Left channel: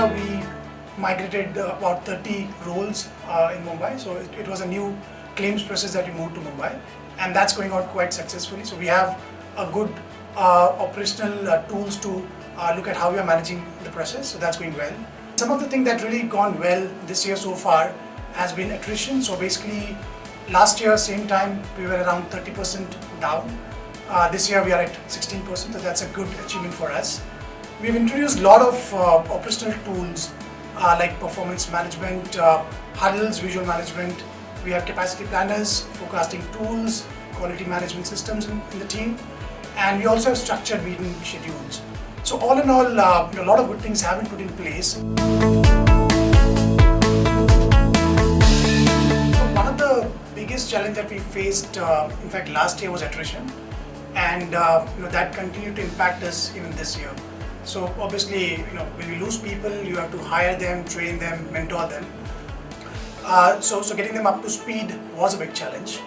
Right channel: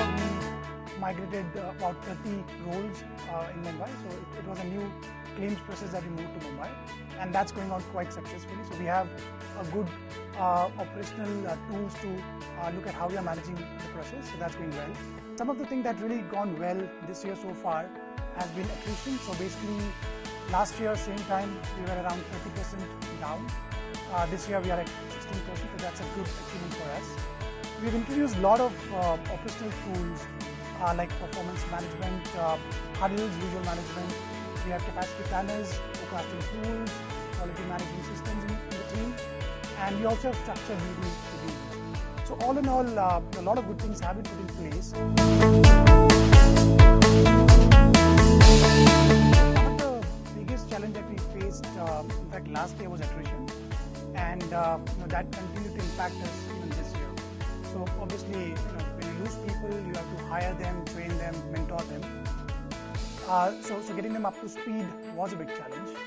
year we migrated about 30 roles in Mumbai. So it was a new claims process that we moved to Mumbai, and that's going on quite successfully. So we have a good operational tools to look at how we are managing the process. So that's going well. Some of the things that really gone well this year so far has been attrition. So basically, last year same time we were around 30% down. This year we are at 16%, so that's a good achievement for us. We've introduced a lot of operational tools like performance management, huddles, visual management. We have capacity planners, forecasting tools, quality management systems in the team, and we also have structured meeting schedules. So all in all, a lot of good things have been put in place. One of the biggest challenge that we faced, in fact last year, was attrition, and that continued to impact us even this year. So obviously, when you lose people, you have to hire them, train them, mentor them. So getting them up to speed was a big challenge.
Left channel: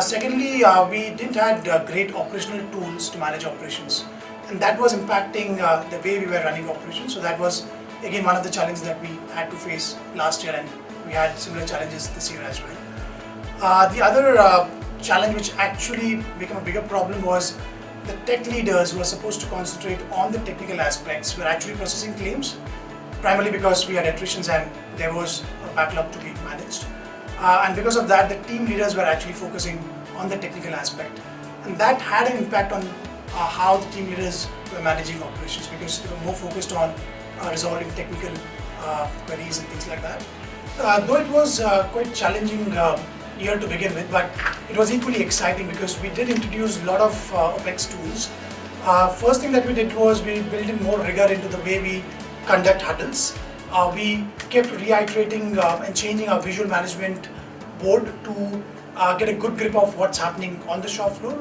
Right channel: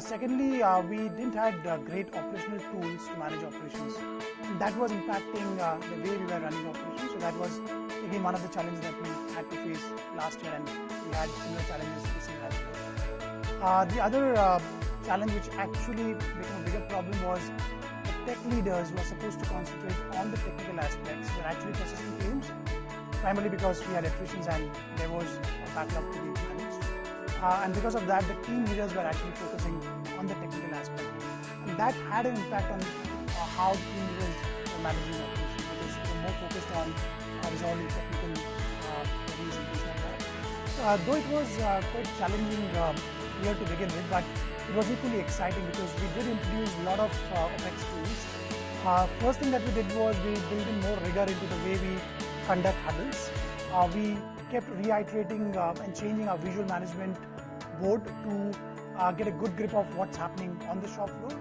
Secondly, we didn't have great operational tools to manage operations, and that was impacting the way we were running operations. So that was again one of the challenges that we had to face last year, and we had similar challenges this year as well. The other challenge which actually became a bigger problem was the tech leaders who are supposed to concentrate on the technical aspects were actually processing claims, primarily because we had attritions and there was a backlog to be managed. And because of that, the team leaders were actually focusing on the technical aspect. And that had an impact on how the team leaders were managing operations, because they were more focused on resolving technical queries and things like that. Though it was quite challenging year to begin with, but it was equally exciting because we did introduce a lot of OpEx tools. First thing that we did was we built in more rigor into the way we conduct huddles. We kept reiterating and changing our visual management board to get a good grip of what's happening on the shop floor,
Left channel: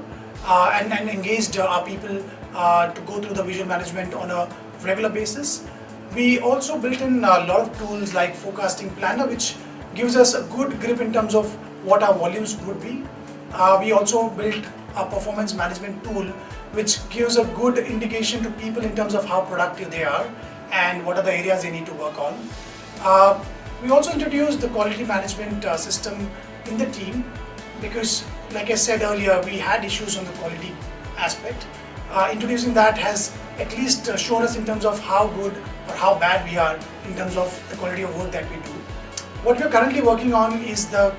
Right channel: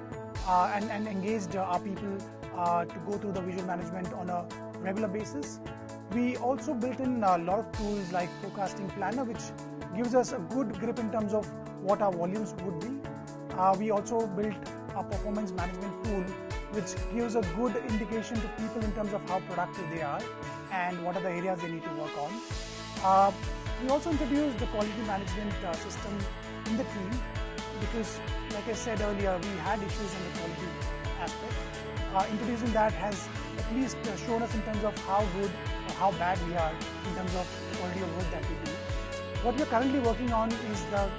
and engaged our people to go through the visual management on a regular basis. We also built in a lot of tools like forecasting planner, which gives us a good grip in terms of what our volumes would be. We also built a performance management tool which gives a good indication to people in terms of how productive they are and what are the areas they need to work on. We also introduced the quality management system in the team because, like I said earlier, we had issues on the quality aspect. Introducing that has at least shown us in terms of how good or how bad we are in terms of the quality of work that we do. What we are currently working on is the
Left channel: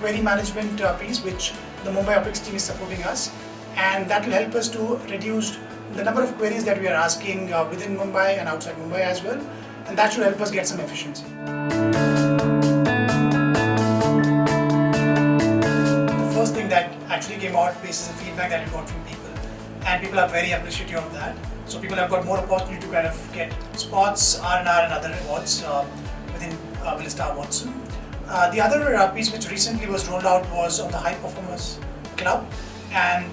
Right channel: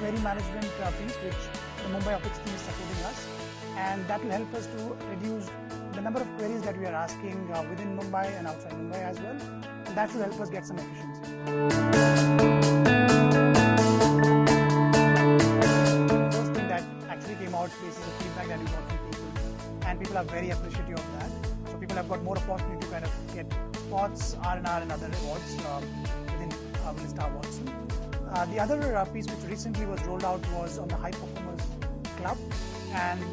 query management piece, which the Mumbai OpEx team is supporting us, and that will help us to reduce the number of queries that we are asking within Mumbai and outside Mumbai as well, and that should help us get some efficiency. The first thing that actually came out is the feedback that we got from people, and people are very appreciative of that. So people have got more opportunity to kind of get spots, R&R and other rewards within Star Watson. The other piece which recently was rolled out was on the High Performers Club, and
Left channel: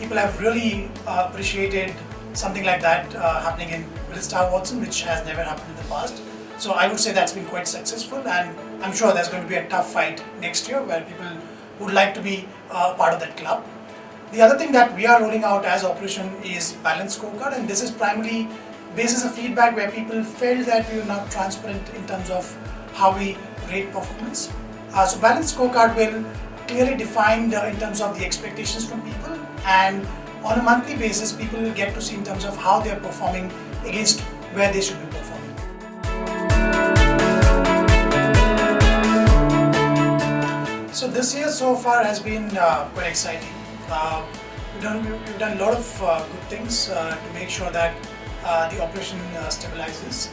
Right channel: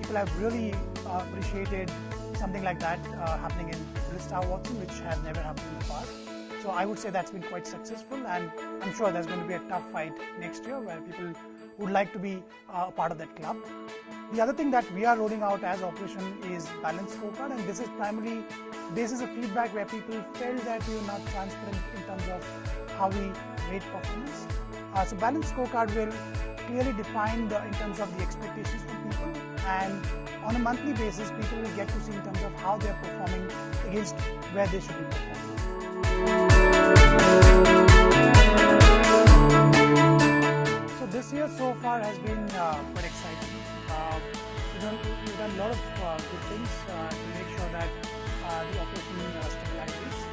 people have really appreciated something like that happening in Star Watson, which has never happened in the past. So I would say that's been quite successful, and I'm sure there's going to be a tough fight next year where people would like to be part of that club. The other thing that we are rolling out as operation is Balanced Scorecard, and this is primarily basis of feedback where people felt that we were not transparent in terms of how we rate performance. So Balanced Scorecard will clearly define in terms of the expectations from people, and on a monthly basis people will get to see in terms of how they are performing against where they should be performing. So this year so far has been quite exciting. We've done a lot of good things to make sure that the operation stabilizes.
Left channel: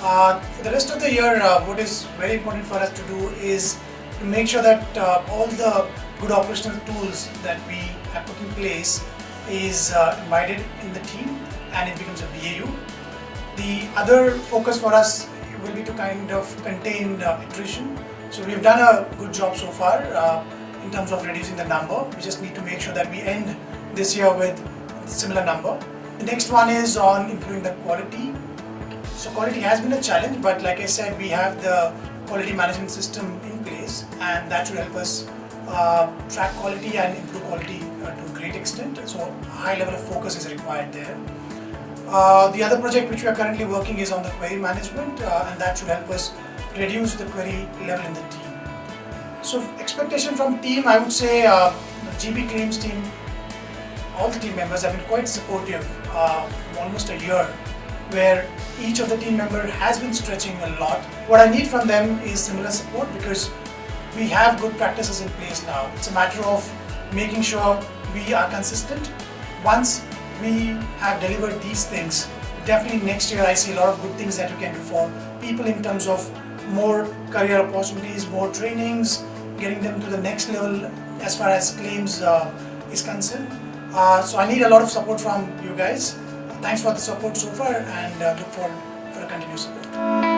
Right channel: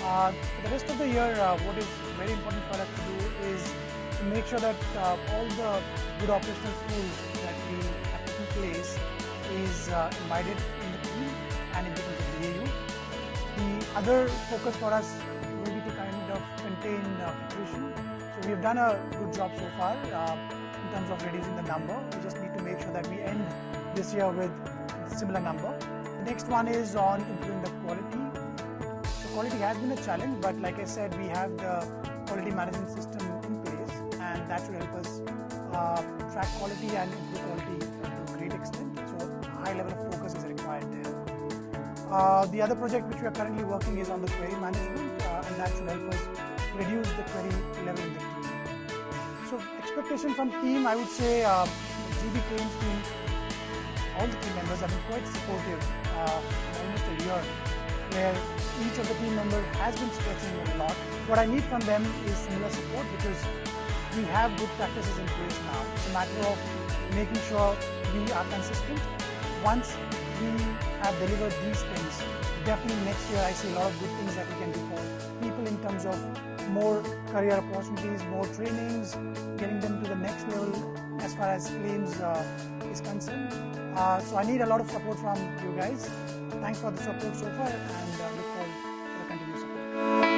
For the rest of the year, what is very important for us to do is to make sure that all the good operational tools that we have put in place is embedded in the team and it becomes a BAU. The other focus for us will be to kind of contain attrition. So we've done a good job so far in terms of reducing the number. We just need to make sure that we end this year with a similar number. The next one is on improving the quality. So quality has been a challenge, but like I said, we have the quality management system in place, and that should help us track quality and improve quality to a great extent. So a high level of focus is required there. The other project which we are currently working is on the query management, and that should help us reduce the query level in the team. So expectation from team, I would say GB claims team, all the team members have been quite supportive, almost a year, where each of the team member has been stretching a lot. What I need from them is similar support, because we have good practices in place now. It's a matter of making sure we are consistent. Once we have delivered these things, definitely next year I see a lot of good things that you can do for people in terms of more career opportunities, more trainings, getting them to the next level as far as claims is concerned. So I need a lot of support from you guys. Thanks for the support so far, and look forward for a continued support.